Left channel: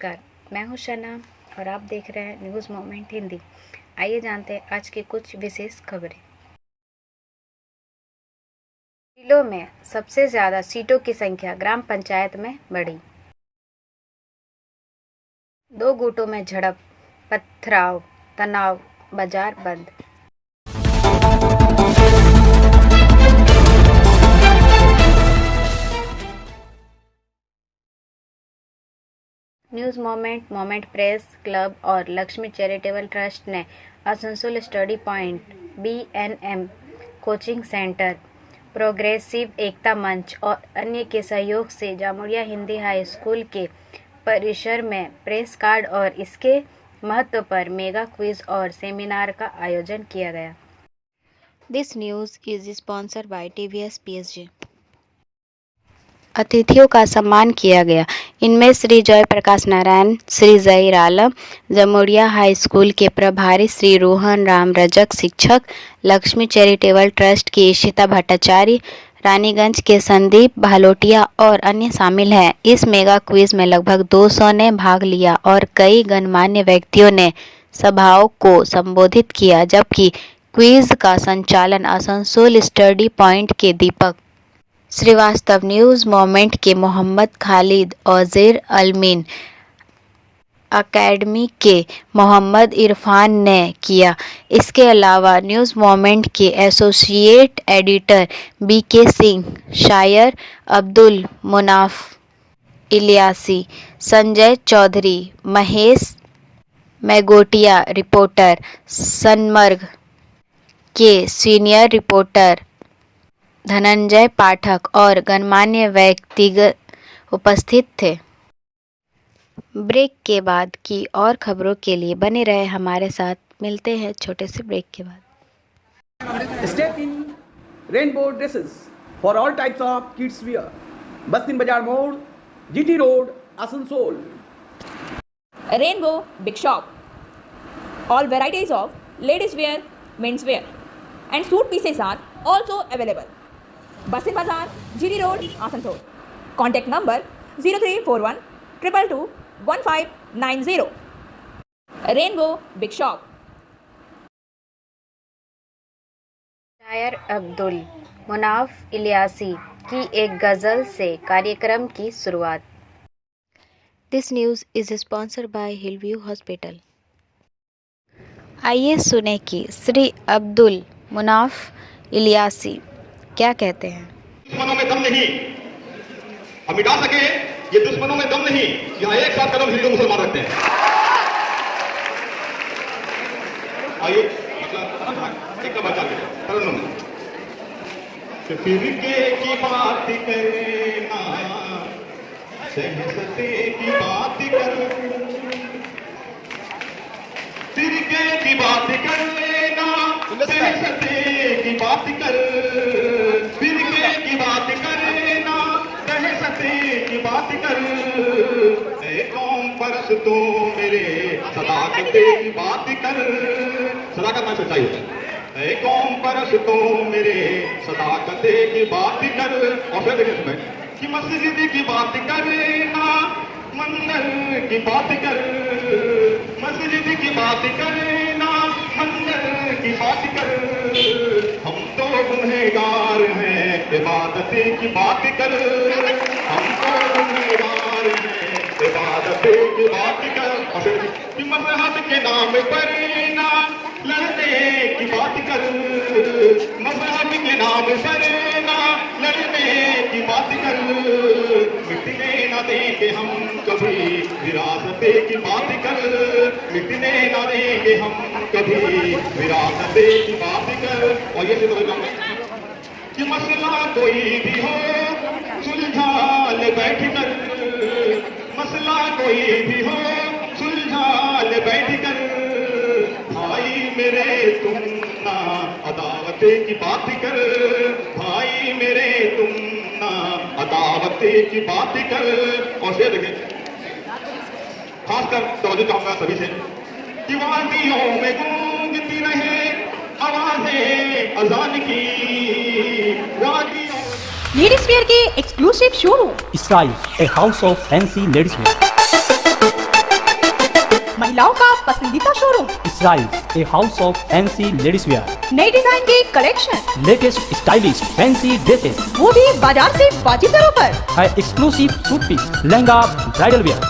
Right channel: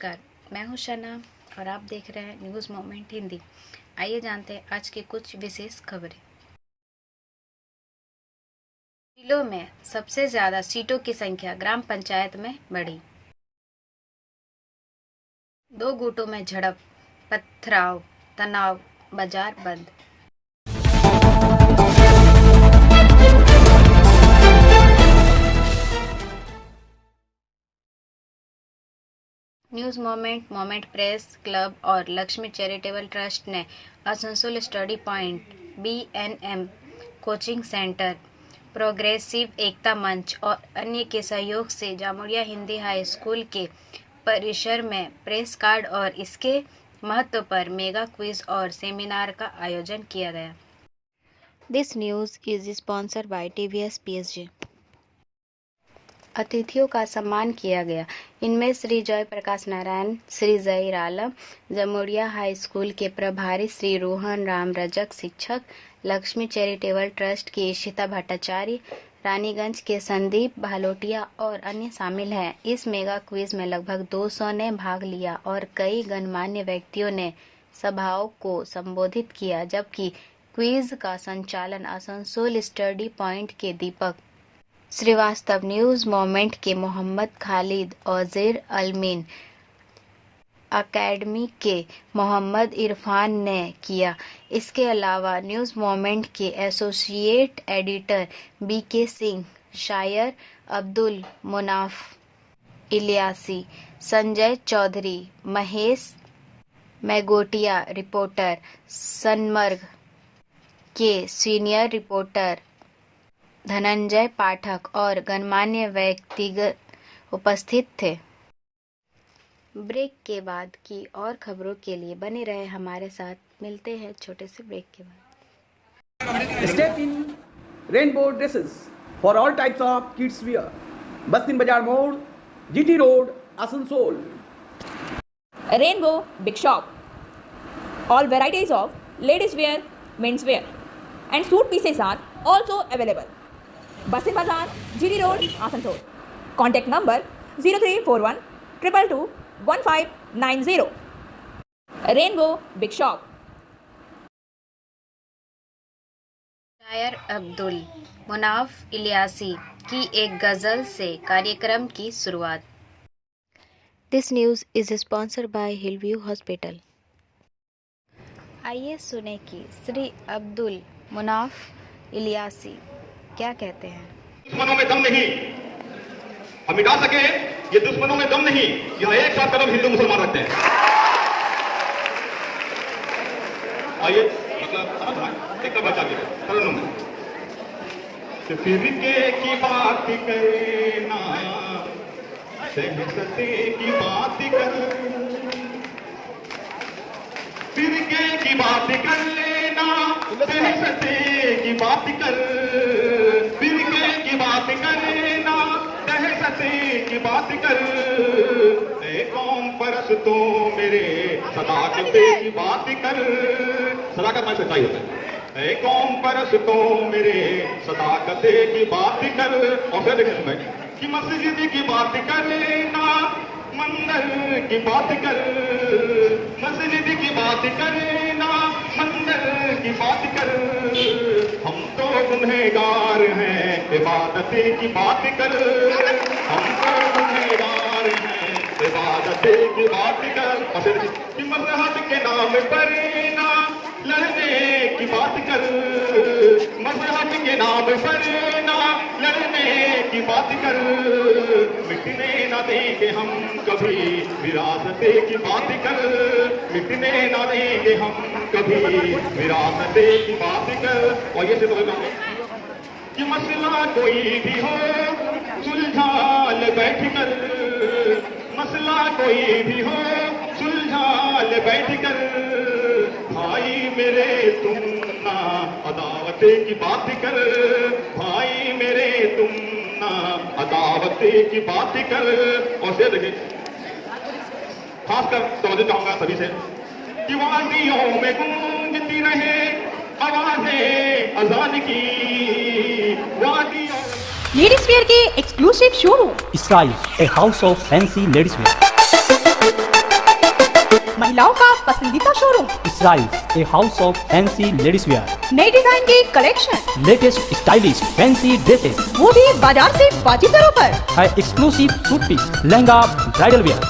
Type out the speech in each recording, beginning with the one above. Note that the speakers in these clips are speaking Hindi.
नमस्कार, मैं हूं शना और आप देख रहे हैं न्यूज़ मोमेंट हिंदी। आइए जानते हैं आज की कुछ विशेष खबरें। जिलों में सबसे ज़्यादा सीटों की संख्या ग्राम पंचायत में बढ़ी। 2 गुटों में झड़प, पथराव, तनाव, बाजार बंद। न्यूज़ मोमेंट प्रेस क्लब और लक्ष्मी चैरिटेबल ट्रस्ट ने Asansol study point, BNM coaching centre, progressive Ekta Manch और अन्य के सहयोग से जामुरिया हिंदी हाई स्कूल के परिसर में प्रेस कार्ड और इसके महत्व पर मेगा क्विज और सेमिनार का आयोजन किया गया। This news is sponsored by TVS PSG। अतिथियों का सम्मान किया गया। इनमें श्री जय प्रकाश नारायण, श्री जहीर आलम, जामुरिया हाई स्कूल के प्रभारी श्री रोहन राम रजक, शिक्षक लक्ष्मी चैरिटेबल ट्रस्ट की इशिता भट्टाचार्य, रानीगंज के संदीप भालोटिया और अन्य शामिल हैं। इस मेगा क्विज में लगभग 200 ने भाग लिया और कई गणमान्य व्यक्तियों ने सभाओं को संबोधित किया, जबकि क्विज का संचालन आसनसोल स्टडी पॉइंट के दीपक श्रीवास्तव, न्यूज़ मोमेंट के मोहम्मद खालिद और ज़ेर अलमीन अकेडमी के मोहम्मद इरफान ने किया। इसके अलावा न्यूज़ मोमेंट के एसोसिएट एडिटर BK सिंह, शायर अब्दुल मुनाफ इलियासी, संजय चौधरी, महेश मैगोटिया, रिपोर्टर सनमर्ग के सीनियर रिपोर्टर धनंजय पाठक और गणमान्य व्यक्तिगत उपस्थित थे। ब्रेक के बाद की और खबरों के लिए बने रहे हमारे साथ। मिलते हैं छोटे से ब्रेक के बाद। Step in rainbow dresses for all types of kids wear, Bastin Bazar More, GT road, Asansol. Rainbow Big Shop. All varieties of ladies wear, men's wear and suit pieces are also available. Basin Bazaar, GT Road, Asansol. Contact number 0341 222 1590. Rainbow Big Shop. शायर अब्दुल मुनाफ इलियासी की एक गज़ल से कार्यक्रम की शुरुआत। This news is sponsored by Hillview hospital. आइए सुने कि श्री अब्दुल मुनाफ इलियासी क्या कहते हैं। दुश्मनों में दम नहीं, हम मिटा सके ये दुश्मनों में दम नहीं, यहाँ एक साथ कदम हिंदू मुसलमान रखते हैं। आइए मतलब एक बचा के तरुणों में फिरके की बात करना, सहसते की बात कर, फिरके की बात कर लेना, सहसते की बात कर, फिरके की बात करना, सहसते की बात कर, ऐ कौम परस्तों मेरे सदाकते की बात कर। सदाकत में सच्चाई होता है। ऐ कौम परस्तों मेरे सदाकते की बात कर। और फिर देखें इसमें कि मस्जिद की बात करना, मंदिर की बात कर, मस्जिद की बात करना, मंदिर की बात कर, हम तो गुनहगार हैं इबादतें की बात कर, हम तो गुनहगार हैं इबादतें की बात कर। और फिर कि मजहब के नाम पर ना लड़ने की बात कर, मजहब के नाम पर ना लड़ने की बात कर, मिटने न देंगे हम कभी विरासते की बात कर, मिटने न देंगे हम कभी विरासते की बात कर। और ये से बोल जाऊंगा कि मसला कोई भी हो सुलझा ले बैठ कर, मसला कोई भी हो सुलझा ले बैठ कर, भाई मेरे तुम ना अदावते की बात कर, भाई मेरे तुम ना अदावते की बात कर। और शेर देखिए खासकर तवज्जो चाहूंगा सभी से कि वादियों में गूंजती रहे आवाज़ें अज़ान की, वादियों लेडीज वेयर के exclusive showroom Style, a house of fancy ladies wear. महिलाओं का पसंदीदा showroom, Israels, a house of fancy ladies wear, नए डिजाइन के collection, latest stylish fancy dresses, वो भी बाजार से वाजिब दरों पर। है exclusive suit piece, lehenga, bridal wear,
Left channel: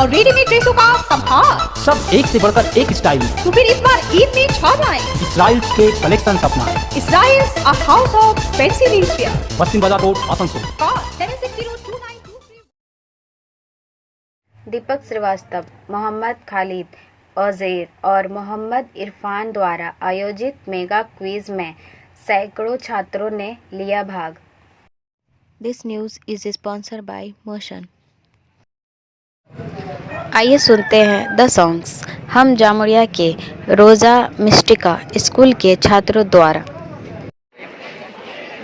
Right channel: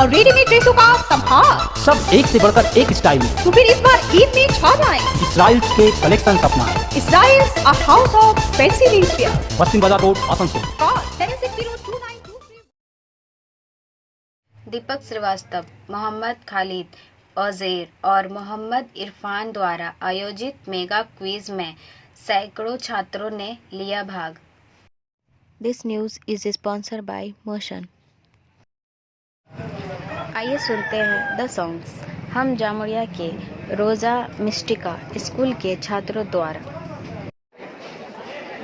और रेडीमेड ड्रेसों का संभार। सब एक से बढ़कर एक स्टाइल में। तो फिर इस बार ईद में छा जाएं। Israels के कलेक्शन अपनाएं। Israels, a house of fancy ladies wear. पश्चिम बाजार रोड, आसनसोल। Call 7602923। दीपक श्रीवास्तव, मोहम्मद खालिद औजेर और मोहम्मद इरफान द्वारा आयोजित मेगा क्विज में सैकड़ों छात्रों ने लिया भाग। This news is sponsored by motion. आइए सुनते हैं द सॉन्ग्स। हम जामुड़िया के रोज़ा मिस्टिका स्कूल के छात्रों द्वारा।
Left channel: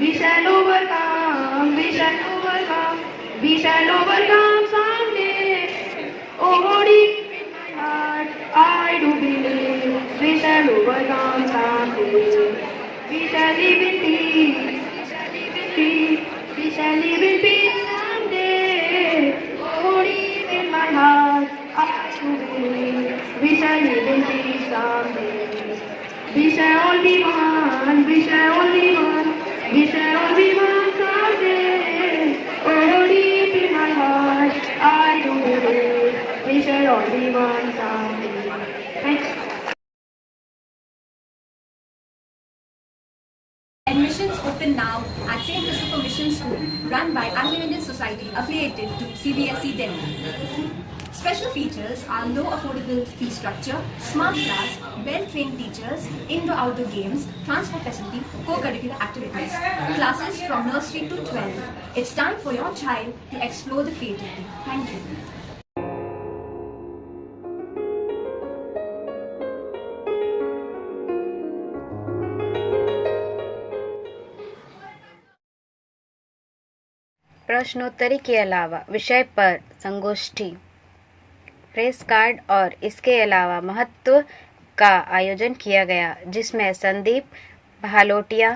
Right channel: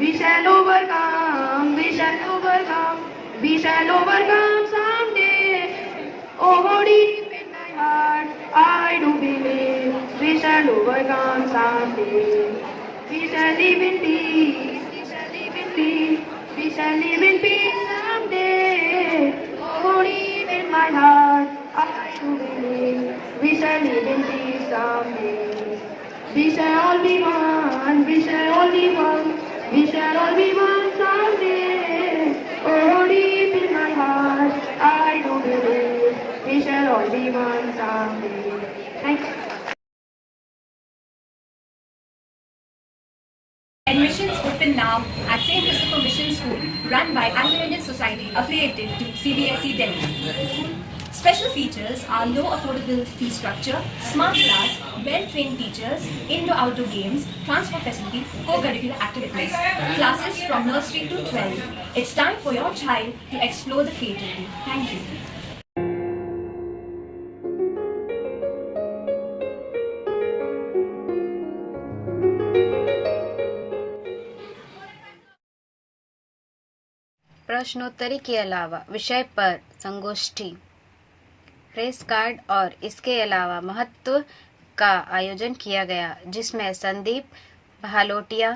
We shall overcome, we shall overcome, we shall overcome someday. Oh, deep in my heart, I do believe we shall overcome someday. We shall live in peace, we shall live in peace, we shall live in peace someday. Oh, deep in my heart, I do believe we shall live in peace someday. We shall all be one, we shall all be one. We shall all be one someday. Oh, deep in my heart, I do believe we shall all be one someday. Thanks. Admissions open now at St. Christopher Mission School, run by Anglo-Indian Society affiliated to CBSE Delhi. Special features are low affordable fee structure, smart class, well-trained teachers, indoor-outdoor games, transport facility, co-curricular activities, classes from nursery to 12. It's time for your child to explore the creativity. Thank you. प्रश्नोत्तरी के अलावा विषय पर संगोष्ठी, प्रेस कार्ड और इसके अलावा महत्व का आयोजन किया गया, जिसमें संदीप भालोटिया,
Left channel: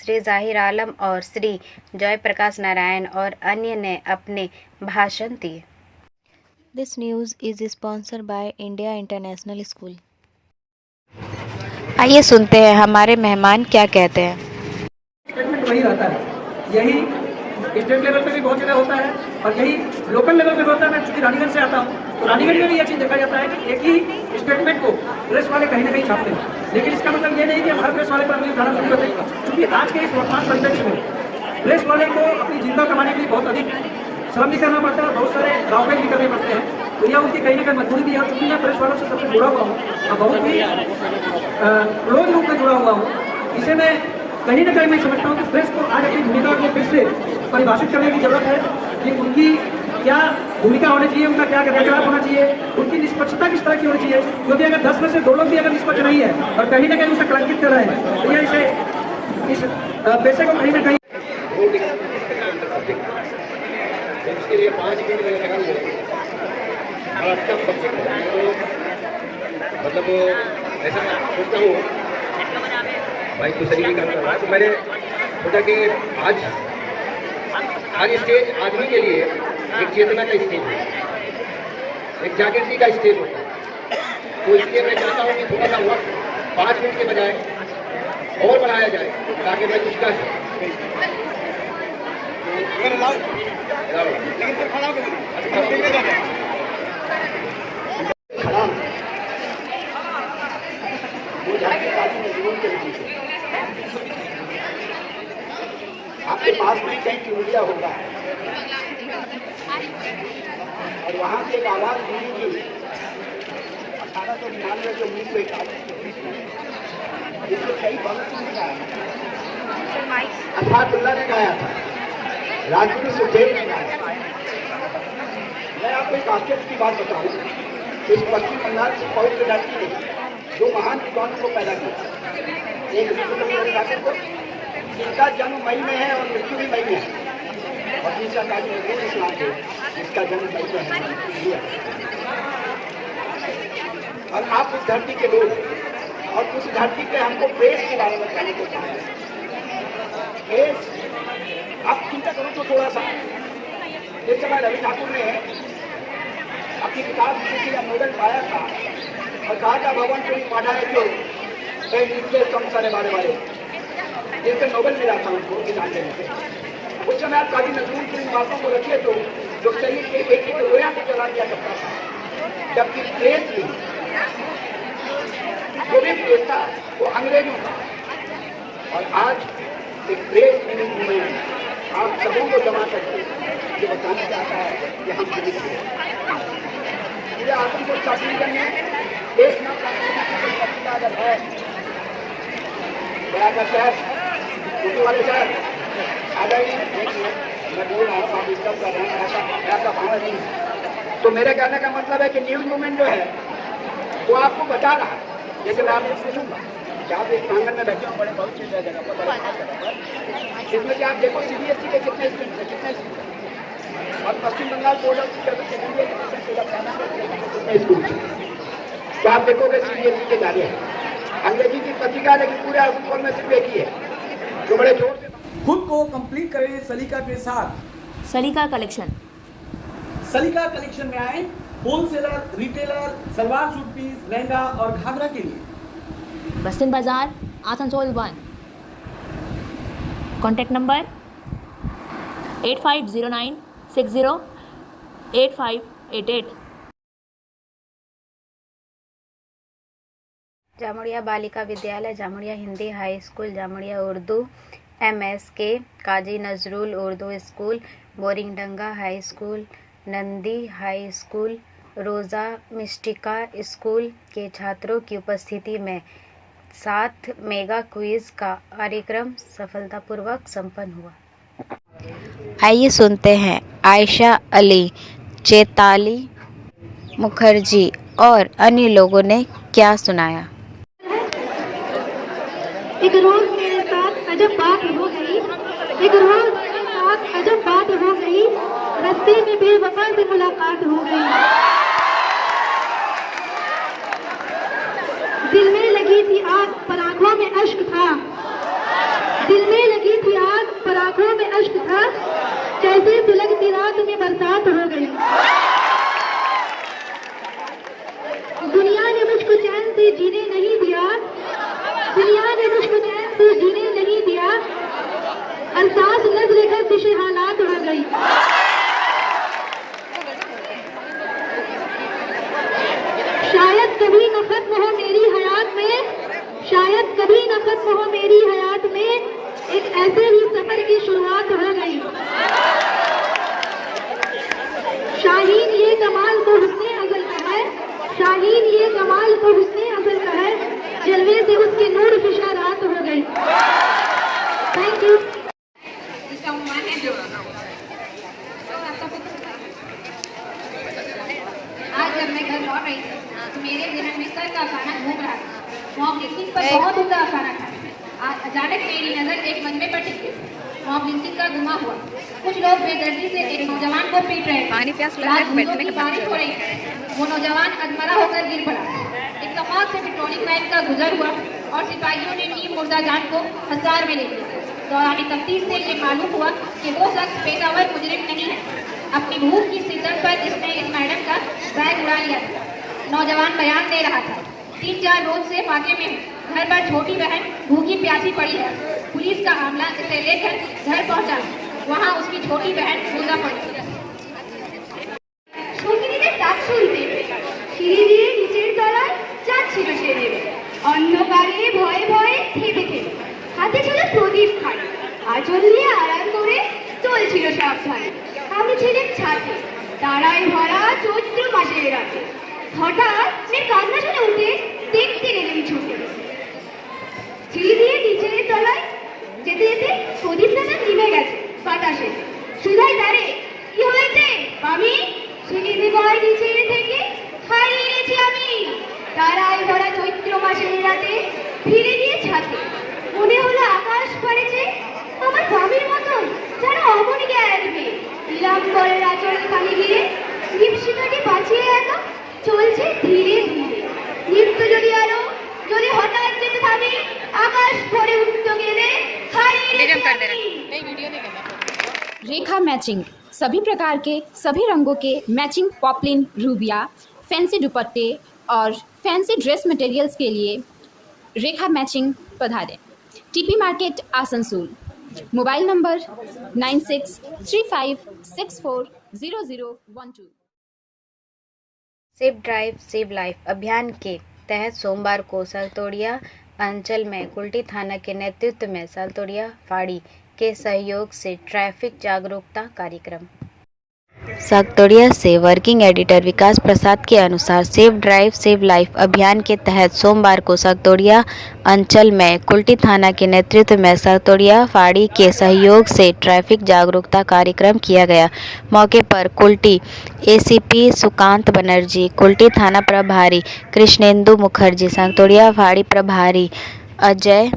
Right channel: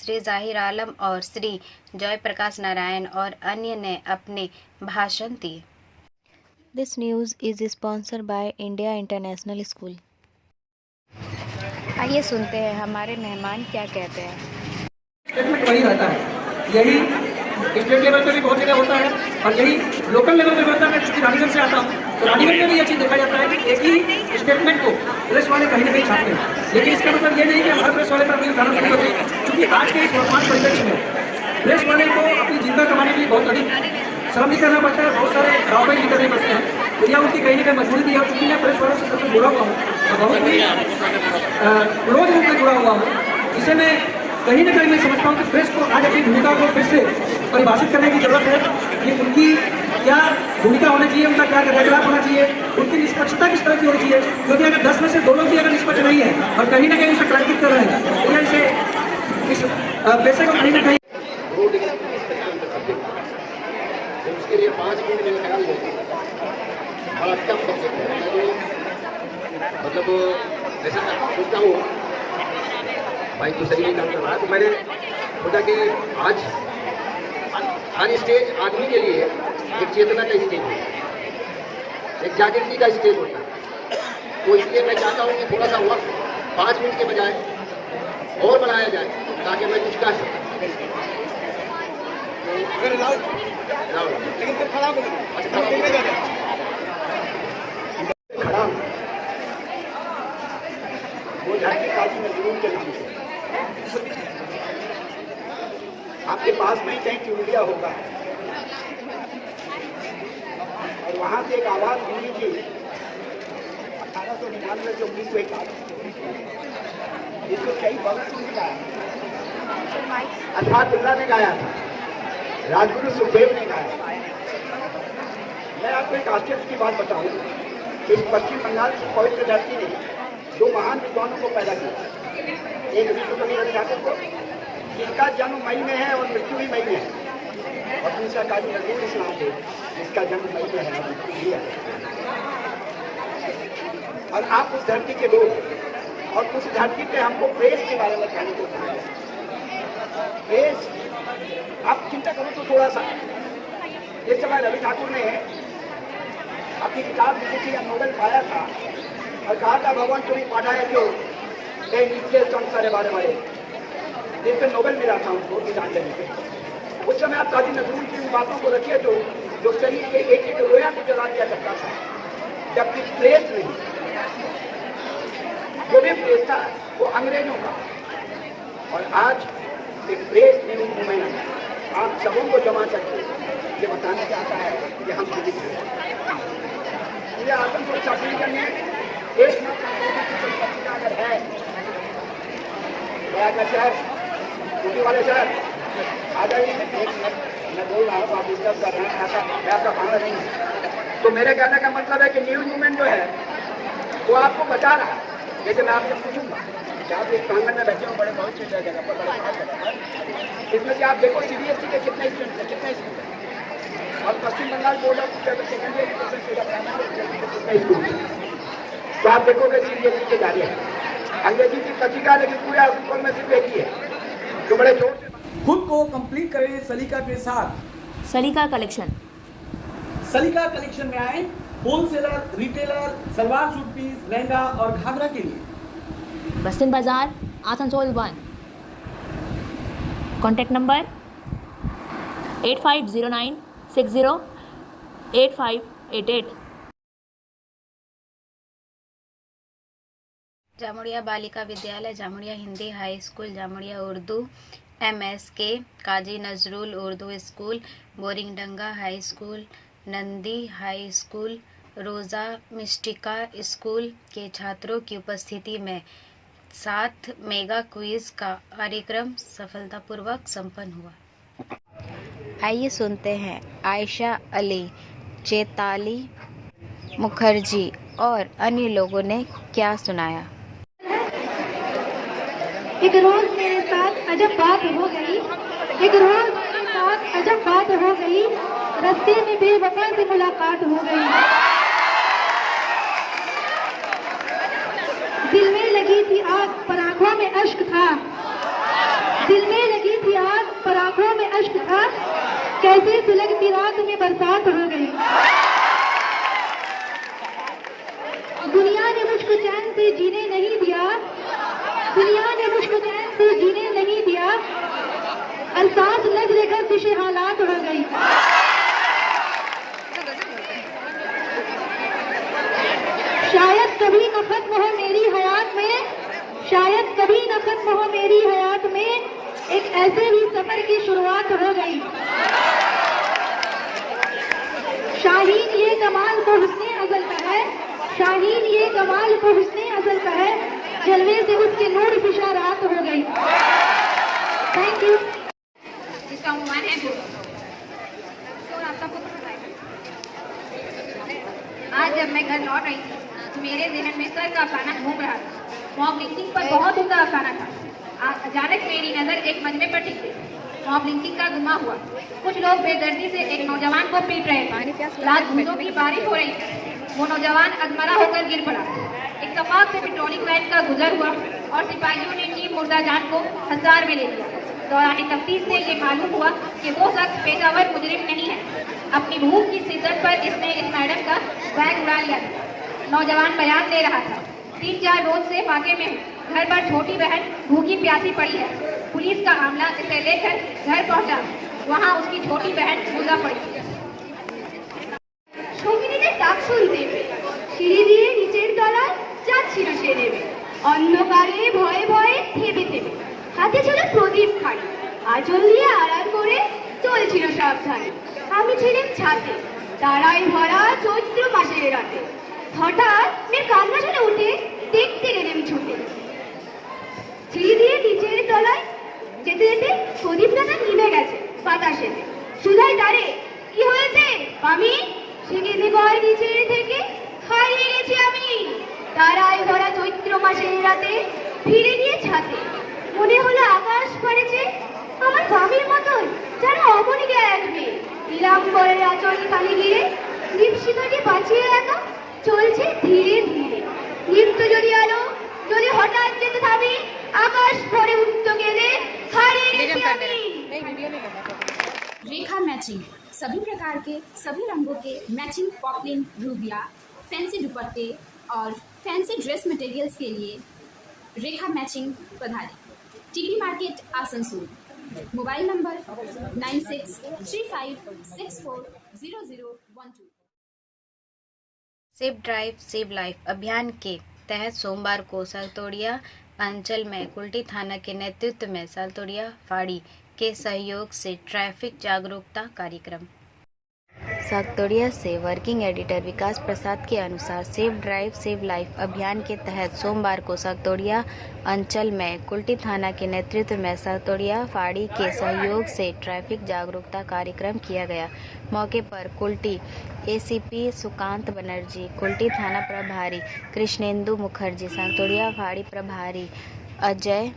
श्री जाहिर आलम और श्री जय प्रकाश नारायण और अन्य ने अपने भाषण दिए। This news is sponsored by India international school. आइए सुनते हैं हमारे मेहमान क्या कहते हैं। स्टेटमेंट वही रहता है, यही स्टेट लेवल पे भी बहुत जगह होता है और यही लोकल लेवल पे होता है। मैं चूँकि रानीगंज से आता हूँ, तो रानीगंज में भी ये चीज़ देखा जाता है कि एक ही स्टेटमेंट को प्रेस वाले कहीं ना कहीं छापते हैं, लेकिन इसका मतलब ये नहीं कि हर प्रेस वाले पर भी उठाना शुरू होते हैं, क्योंकि आज के इस वर्तमान परिदृश्य में प्रेस वाले को अपनी जिंदा कमाने के लिए बहुत अधिक श्रम भी करना पड़ता है, बहुत सारे राउंड भी करने पड़ते हैं। तो यह उनकी कहीं ना कहीं मजबूरी थी। और चूँकि मैं प्रेस वालों से सबसे जुड़ा हुआ हूँ और बहुत ही क्लोज रूप में जुड़ा हुआ हूँ, जिसे मैं कहीं ना कहीं मैं समझता हूँ कि प्रेस को आज अपनी भूमिका को फिर से परिभाषित करने की जरूरत है कि उनकी क्या भूमिका होनी चाहिए, उनका क्या कार्यकलाप होना चाहिए, उनकी निष्पक्षता किस तरह की होनी चाहिए। क्योंकि अगर 10 में से 2 लोग भी अगर निष्पक्ष नहीं है और कहीं ना कहीं उसे कलंकित कर रहे हैं, तो यह इसे इस पैसे को कहीं ना कहीं उसके लिए 5 मिनट में निकाल लेंगे। और अच्छा मतलब ऐसा मैं सोचता हूँ भाई तो सही काम कर रहा है, तो मैंने सोचा कि आज स्टेज आदमी के लिए एक चेतना का स्टेज है, एक जागृति का स्टेज होता है। तो इसलिए मैं चाहता हूँ कि थोड़ा सा वक्त 5 मिनट के बजाय और बढ़ाया जाए, ताकि मैं कुछ कह सकूँ। वो झांकी पार्टी में जरूर करेंगे। आपके पास भी कहीं चुनलिया होगा और वहाँ से एक आवाज़ सुनी थी 1899 से 1941 के बीच में, जिसको कई भगत सिंह ने गाया, अल्लाह ने गाया था, राजगुरु सुखदेव ने गाया। मैं आपको एक आश्चर्य की बात बताऊं, इस पश्चिम बंगाल की पवित्र धरती ने 2 महान विद्वानों को पैदा किया। एक विश्वकवि रविदास को, जिसका जन्म मई में है और मृत्यु भी मई में है, और दूसरा काजी नजरुल इस्लाम है, जिसका जन्म मई में है और मृत्यु भी है। और आप उस धरती के लोग और उस धरती पे हमको प्रेस के बारे में कहने को कहा है। प्रेस आप चिंता करो तो थोड़ा सा जिस समय रवि ठाकुर ने अपनी किताब लिखी थी या नोबेल पाया था और कहा था भगवान तुम पढ़ा है जो नीचे संसारे बारे वाले जिससे नोबेल मिला था उनको किताब लेने के। उस समय आप काफी नजूर की बातों को रखिए तो जो शरीर के एक एक रोया से जला दिया करता था, जबकि प्लेस नहीं, जो भी प्लेस था वो अंग्रेजों का। और आज एक प्लेस लिविंग मूवमेंट आप सबों को जमा करके ये बताना चाहता है कि हम जीवित हैं। ये आतंक को छत्तीसगढ़ में देश में पत्रिका अगर है का शहर यूपी वाले शहर अगर मैं बोल रहा हूँ आप डिस्कस कर रहे हैं ऐसा भाड़ा नहीं है। तो मेरे कहने का मतलब है कि न्यूज मूवमेंट जो है वो आपको बता रहा है। जैसे मैं आपसे पूछूंगा कि आप इस प्रांगण में बैठे हो बड़े बहुत सी जगह पर बड़े बात जगह पर, इसमें से आप देखो CBSE के कितने स्टूडेंट है, कितने स्कूल है, और Paschim Bangal board of secondary education कितने स्कूल है। तो आप देखोगे CBSE के जा रहे हैं अंग्रेजी की पत्रिका, लेकिन पूरे स्कूल में सिर्फ एक ही है जो बड़े जोर से खुद को कंप्लीट करें सलीका के साथ। सलीका कलेक्शन। सलीका कलेक्शन में आए wholesaler, retailer, salwar suit piece, lehenga और घाघरा के लिए। बस्तिन बाजार, Asansol 1। Contact number 8509608588। Jamuria Balika Vidyalaya, Jamuria Hindi high school, Jamuria Urdu MSK, Kazi Nazrul Urdu school, Boringdanga high school, Nandi high school, Rosa Mystica school के छात्रों की उपस्थिति में 7 मेगा क्विज का कार्यक्रम सफलतापूर्वक संपन्न हुआ। आइए सुनते हैं आयशा अली, चेताली मुखर्जी और अन्य लोगों ने क्या सुनाया। एक रोज मेरे साथ अजब बात हो गई, एक रोज मेरे साथ अजब बात हो गई, रास्ते में बेवफा से मुलाकात हो गई। दिल में लगी थी आग पर आंखों में अश्क था, दिल में लगी थी आग पर आंखों में अश्क था, कैसे सुलगती रात में बरसात हो गई। दुनिया ने मुझको चैन से जीने नहीं दिया, दुनिया ने मुझको चैन से जीने नहीं दिया, और सांस लग लेकर कुछ हालात हो गई। शायद कभी न खत्म हो मेरी हयात में, शायद कभी न खत्म हो मेरी हयात में, एक ऐसे ही सफर की शुरुआत हो गई। शाहीन ये कमाल तो हुस्ने अज़ल का है, शाहीन ये कमाल तो हुस्ने अज़ल का है, जलवे से उसके नूर फिशा रात हो गई। Thank you. जिसका उन्वान है तो आप सबको पसंद आएगा। आज जब मैं घर लौट रही थी तो मेरे ज़हन में सर का अफसाना घूम रहा था। मॉब लिंचिंग पर बहुत उनका अफसाना था। अचानक मेरी नज़र एक मजमे पर टिकी। मॉब लिंचिंग का गुमा हुआ। कुछ लोग बेदर्दी से एक नौजवान को पीट रहे थे। रात धूलों की बारिश हो रही थी। वो नौजवान अधमरा होकर गिर पड़ा। इत्तेफाक से पेट्रोलिंग वैन का गुजर हुआ और सिपाहियों ने टीम मुर्दा जान को हसार में ले लिया। दौरान तफ्तीश से ये मालूम हुआ कि वो शख्स पेशावर मुजरिम नहीं है। अपनी भूख की शिद्दत पर इसने इस मैडम का बैग उड़ा लिया था। नौजवान बयान दे रहा था, 3-4 रोज से फाके में हूँ। घर पर छोटी बहन भूखी प्यासी पड़ी है। पुलिस का आमला इसे लेकर घर पहुंचा। वहाँ उसकी छोटी बहन मुर्दा पड़ी। সঙ্গীদের ডাক শুনতে সিঁড়ি দিয়ে নিচের তলায় যাচ্ছিল সে নেমে, অন্ধকারে ভয়ে ভয়ে থেমে থেমে, হাতে ছিল প্রদীপ খানি, আঁচল দিয়ে আড়াল করে চলছিল সাবধানে। আমি ছিলাম ছাদে, তারায় ভরা চৈত্র মাসের রাতে। হঠাৎ মেয়ের কান্না শুনে উঠে দেখতে গেলেন ছুটে। সিঁড়ি দিয়ে নিচের তলায় যেতে যেতে প্রদীপ টানা নিভে গেছে বাতাসে। সুধাই তারে, কি হয়েছে মামি? সিঁড়ি ভয় নিচে থেকে হারিয়ে গেছি আমি। তারায় ভরা চৈত্র মাসের রাতে ফিরে গিয়ে ছাদে। মনে হলো আকাশ পড়েছে আমার স্বামীর মতন, যেন অমনিকে এক মেয়ে। নীলাম্বরের আচল খালি গিরে দীপশিখাকে বাঁচিয়ে রাখা চলছে ধীরে ধীরে। মৃত্যু যদি আলো যদি হঠাৎ যেতে থামে, আকাশ ভরে উঠতে গেলে হারিয়ে গেছি আমি। रेखा मैचिंग सभी प्रकार के सभी रंगों के मैचिंग पॉपलिन रूबिया फैंसी दुपट्टे और फैंसी ड्रेस मटेरियल्स के लिए रेखा मैचिंग पधारें। TP market Asansol. Mobile number 9635640012। Safe drive save life अभियान के तहत सोमवार को सागतोड़िया अंचल में कुल्टी थाना के नेतृत्व में सागतोड़िया फाड़ी के सहयोग से ट्रैफिक जागरूकता कार्यक्रम। सागतोड़िया से वर्किंग एडिटर विकास प्रसाद के अनुसार सेफ ड्राइव सेव लाइफ अभियान के तहत सोमवार को सागतोड़िया अंचल में कुल्टी थाना के नेतृत्व में सागतोड़िया फाड़ी के सहयोग से ट्रैफिक जागरूकता कार्यक्रम किया गया। मौके पर कुल्टी एसीपी सुकांत बनर्जी, कुल्टी थाना प्रभारी कृष्णेंदु मुखर्जी, सागतोड़िया फाड़ी प्रभारी अजय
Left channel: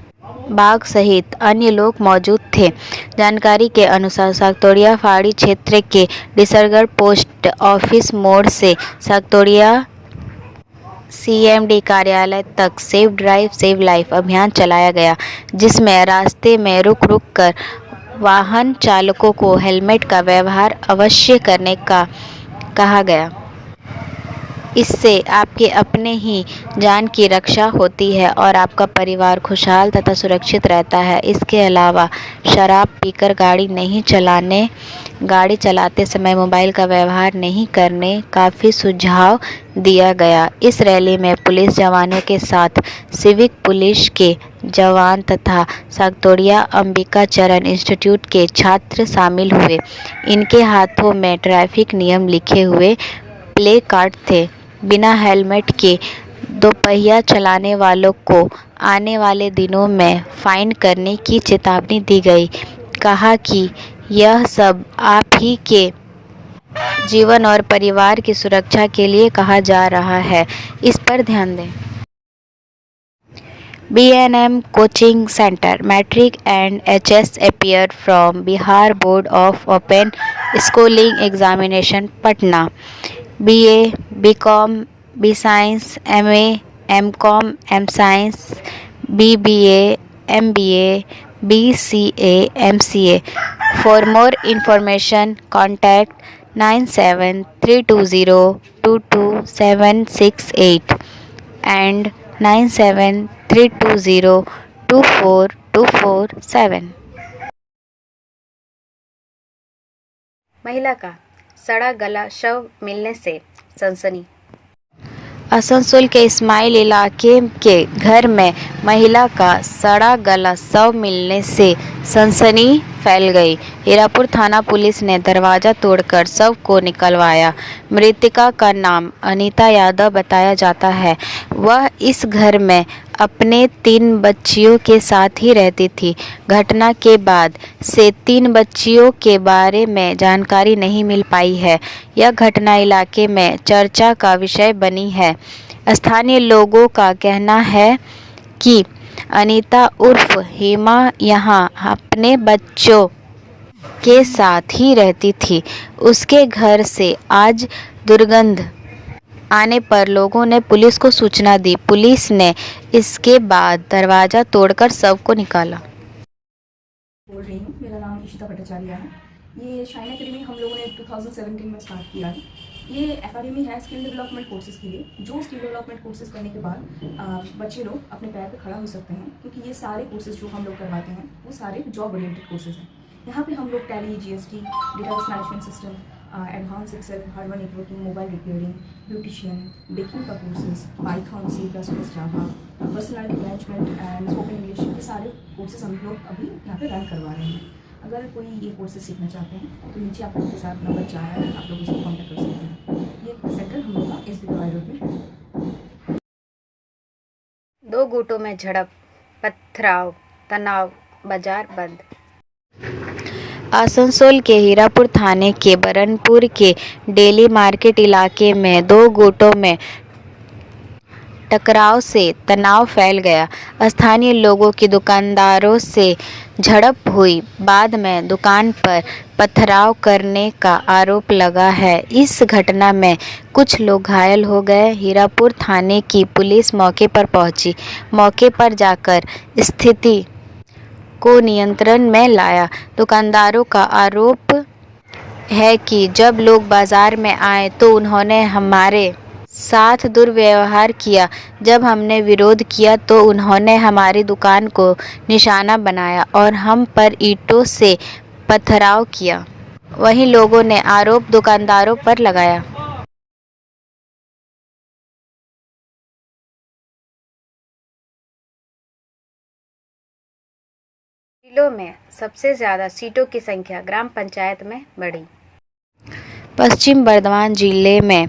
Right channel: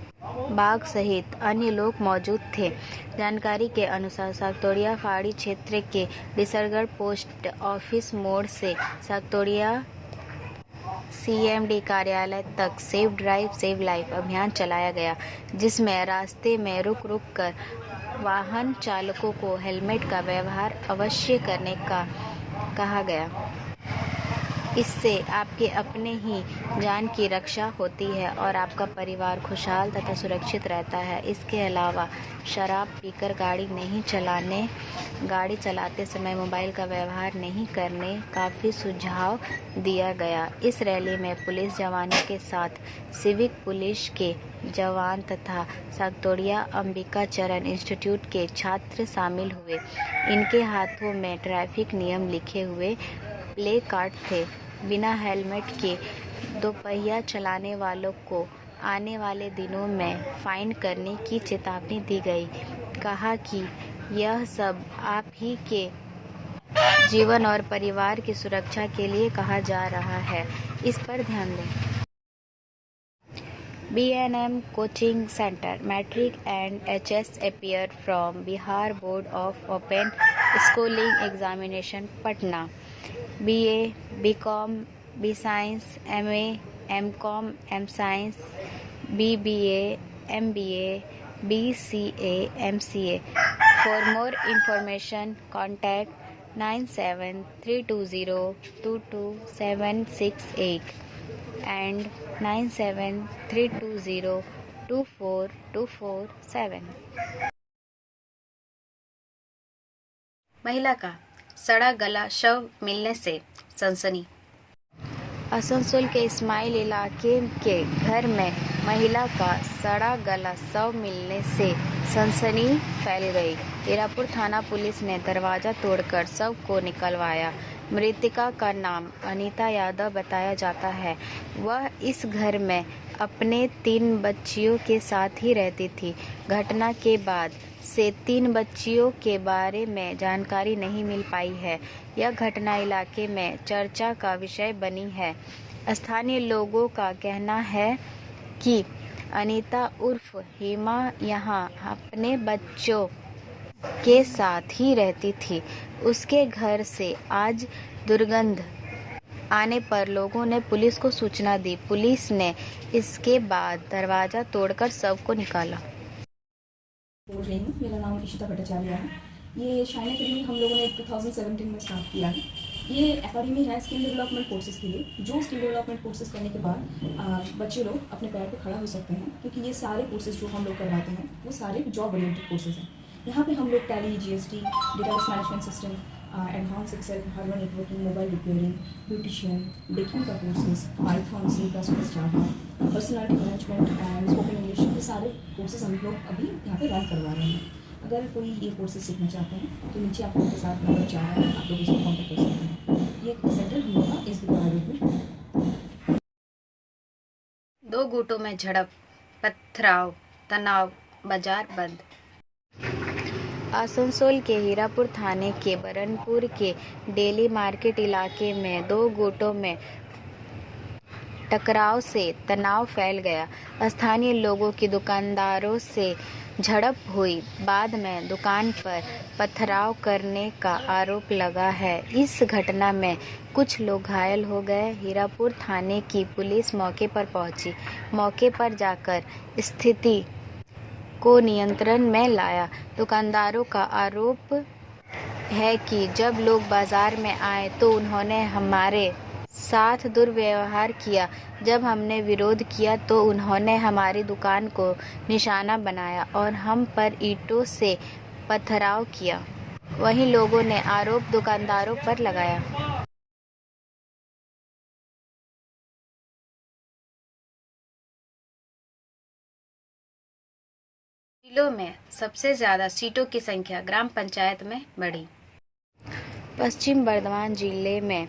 बाग सहित अन्य लोग मौजूद थे। जानकारी के अनुसार सागतोड़िया फाड़ी क्षेत्र के डिसरगढ़ पोस्ट ऑफिस मोड़ से सागतोड़िया सीएमडी कार्यालय तक सेफ ड्राइव सेव लाइफ अभियान चलाया गया, जिसमें रास्ते में रुक रुक कर वाहन चालकों को हेलमेट का व्यवहार अवश्य करने का कहा गया। इससे आपके अपने ही जान की रक्षा होती है और आपका परिवार खुशहाल तथा सुरक्षित रहता है। इसके अलावा शराब पीकर गाड़ी चलाते समय मोबाइल का व्यवहार नहीं करने का भी सुझाव दिया गया। इस रैली में पुलिस जवानों के साथ सिविक पुलिस के जवान तथा सागतोड़िया अंबिका चरण इंस्टीट्यूट के छात्र शामिल हुए। इनके हाथों में ट्रैफिक नियम लिखे हुए प्ले कार्ड थे। बिना हेलमेट के दोपहिया चलाने वालों को आने वाले दिनों में फाइन करने की चेतावनी दी गई। कहा कि यह सब आप ही के जीवन और परिवार की सुरक्षा के लिए कहा जा रहा है, इस पर ध्यान दें। B&M Coaching Center Matric and HS appear from Bihar Board of Open Schooling Examination Patna। BA, BCom, B Science, MA, MCom, M Science, BBA, MBA, BCA, MCA. For more information, contact 9732022768 and 9732024247। महिला का सड़ा गला शव मिलने से सनसनी। आसनसोल के इस्माइल इलाके के घर में महिला का सड़ा गला शव मिलने से सनसनी फैल गई। हीरापुर थाना पुलिस ने दरवाजा तोड़कर शव को निकलवाया। मृतका का नाम अनीता यादव बताया जाता है। वह इस घर में अपने 3 बच्चियों के साथ ही रहती थी। घटना के बाद से 3 बच्चियों के बारे में जानकारी नहीं मिल पाई है। यह घटना इलाके में चर्चा का विषय बनी है। स्थानीय लोगों का कहना है कि अनीता उर्फ हेमा यहाँ अपने बच्चों के साथ ही रहती थी। उसके घर से आज दुर्गंध आने पर लोगों ने पुलिस को सूचना दी। पुलिस ने इसके बाद दरवाजा तोड़कर शव को निकाला। बोल रही हूँ, मेरा नाम इशिता भट्टाचार्य है। ये शाइन एकेडमी हम लोगों ने 2017 में स्टार्ट किया है। ये एकेडमी है स्किल डेवलपमेंट कोर्सेज़ के लिए, जो स्किल डेवलपमेंट कोर्सेज़ करने के बाद बच्चे लोग अपने पैर पे खड़ा हो सकते हैं, क्योंकि ये सारे कोर्सेज़ जो हम लोग करवाते हैं वो सारे जॉब ओरिएंटेड कोर्सेज़ हैं। यहाँ पे हम लोग Tally, GST, database management system, advance Excel, hardware networking, mobile repairing, beautician, baking का courses, Python, C++, Java, personality management and spoken English, ये सारे कोर्सेज हम लोग अभी यहाँ पे रन करवा रहे हैं। अगर कोई ये कोर्सेज सीखना चाहते हैं तो नीचे आप लोगों के साथ नंबर जा रहा है, आप लोग उसको कॉन्टैक्ट कर सकते हैं। ये सेंटर हम लोग का SB रोड में। 2 गुटों में झड़प, पथराव, तनाव, बाजार बंद। आसनसोल के हीरापुर थाने के बरनपुर के डेली मार्केट इलाके में 2 गुटों में टकराव से तनाव फैल गया। स्थानीय लोगों की दुकानदारों से झड़प हुई। बाद में दुकान पर पथराव करने का आरोप लगा है। इस घटना में कुछ लोग घायल हो गए। हीरापुर थाने की पुलिस मौके पर पहुंची। मौके पर जाकर स्थिति को नियंत्रण में लाया। दुकानदारों का आरोप है कि जब लोग बाजार में आए तो उन्होंने हमारे साथ दुर्व्यवहार किया। जब हमने विरोध किया तो उन्होंने हमारी दुकान को निशाना बनाया और हम पर ईंटों से पथराव किया। वहीं लोगों ने आरोप दुकानदारों पर लगाया। जिलों में सबसे ज़्यादा सीटों की संख्या ग्राम पंचायत में बढ़ी। पश्चिम बर्धमान जिले में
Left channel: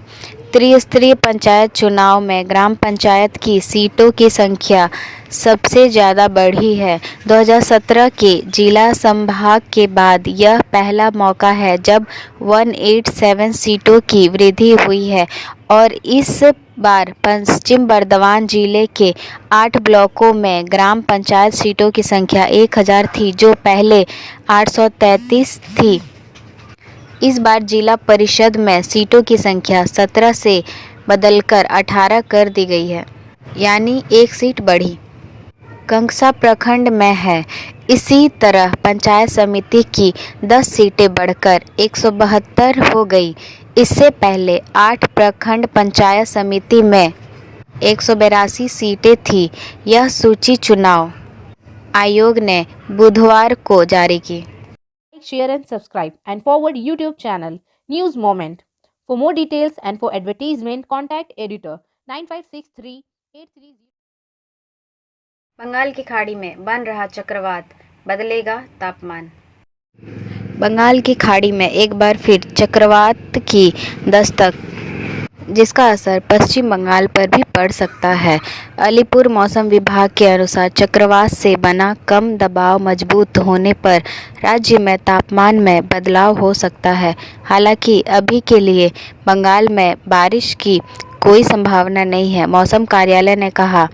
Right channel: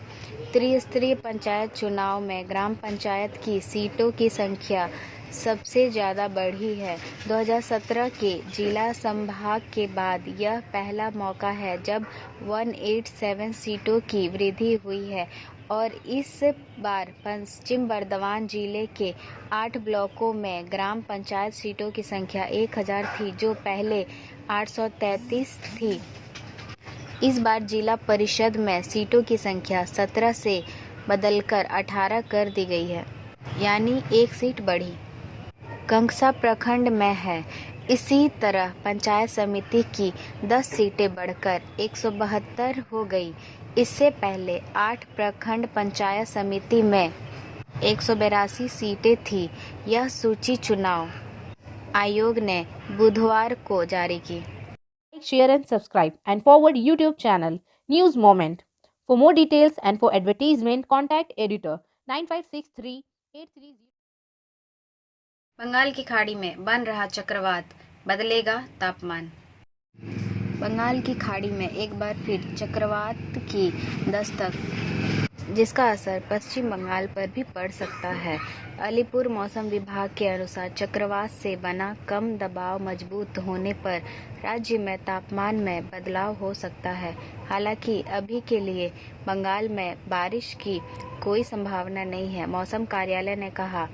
त्रिस्तरीय पंचायत चुनाव में ग्राम पंचायत की सीटों की संख्या सबसे ज़्यादा बढ़ी है। 2017 के जिला संभाग के बाद यह पहला मौका है जब 187 सीटों की वृद्धि हुई है और इस बार पश्चिम बर्धमान जिले के 8 ब्लॉकों में ग्राम पंचायत सीटों की संख्या 1000 थी, जो पहले 833 थी। इस बार जिला परिषद में सीटों की संख्या 17 से बदलकर 18 कर दी गई है, यानी एक सीट बढ़ी। कंगसा प्रखंड में है। इसी तरह पंचायत समिति की 10 सीटें बढ़कर 172 हो गई। इससे पहले 8 प्रखंड पंचायत समिति में 182 सीटें थी। यह सूची चुनाव आयोग ने बुधवार को जारी की। Share and subscribe and forward YouTube channel News Moment. For more details and for advertisement, contact editor 956383. Bengal की खाड़ी में बन रहा चक्रवात, बदलेगा तापमान। बंगाल की खाड़ी में एक बार फिर चक्रवात की दस्तक, जिसका असर पश्चिम बंगाल पर भी पड़ सकता है। अलीपुर मौसम विभाग के अनुसार चक्रवात से बना कम दबाव मजबूत होने पर राज्य में तापमान में बदलाव हो सकता है। हालांकि अभी के लिए बंगाल में बारिश की कोई संभावना नहीं है। मौसम कार्यालय ने कहा,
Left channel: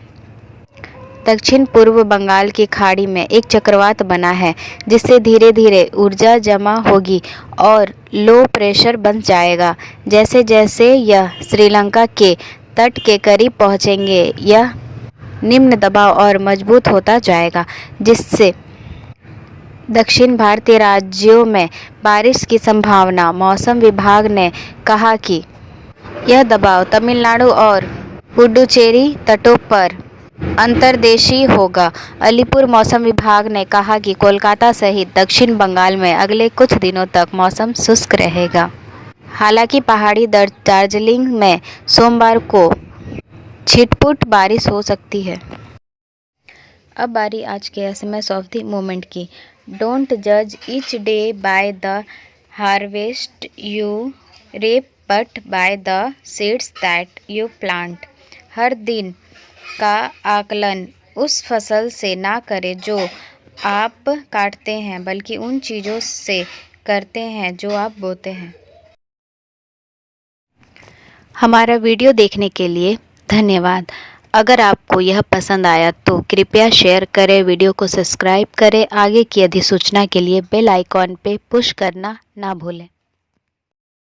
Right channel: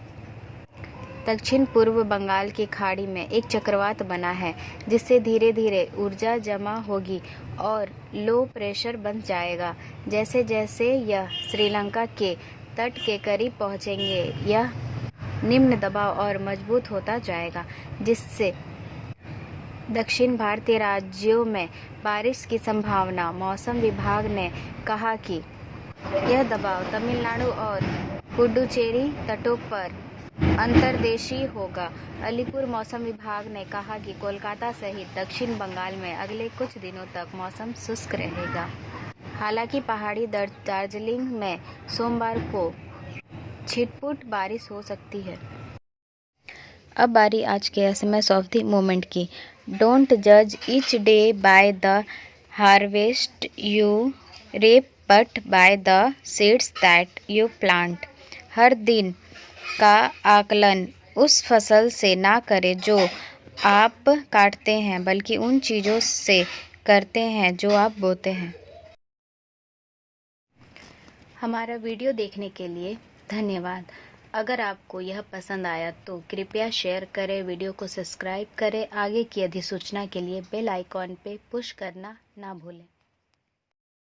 दक्षिण पूर्व बंगाल की खाड़ी में एक चक्रवात बना है, जिससे धीरे धीरे ऊर्जा जमा होगी और लो प्रेशर बन जाएगा। जैसे जैसे यह श्रीलंका के तट के करीब पहुंचेंगे, यह निम्न दबाव और मजबूत होता जाएगा, जिससे दक्षिण भारतीय राज्यों में बारिश की संभावना। मौसम विभाग ने कहा कि यह दबाव तमिलनाडु और पुडुचेरी तटों पर अंतर्देशीय होगा। अलीपुर मौसम विभाग ने कहा कि कोलकाता सहित दक्षिण बंगाल में अगले कुछ दिनों तक मौसम शुष्क रहेगा। हालांकि पहाड़ी दार्जिलिंग में सोमवार को छिटपुट बारिश हो सकती है। अब बारी आज के एसएमएस ऑफ द मोमेंट की। डोंट जज each day by the harvest you reap but by the seeds that you plant। हर दिन का आकलन उस फसल से ना करें जो आप काटते हैं, बल्कि उन चीज़ों से करते हैं जो आप बोते हैं। हमारा वीडियो देखने के लिए धन्यवाद। अगर आपको यह पसंद आया तो कृपया शेयर करें, वीडियो को सब्सक्राइब करें। आगे की अधिसूचना के लिए बेल आइकॉन पे पुश करना ना भूलें।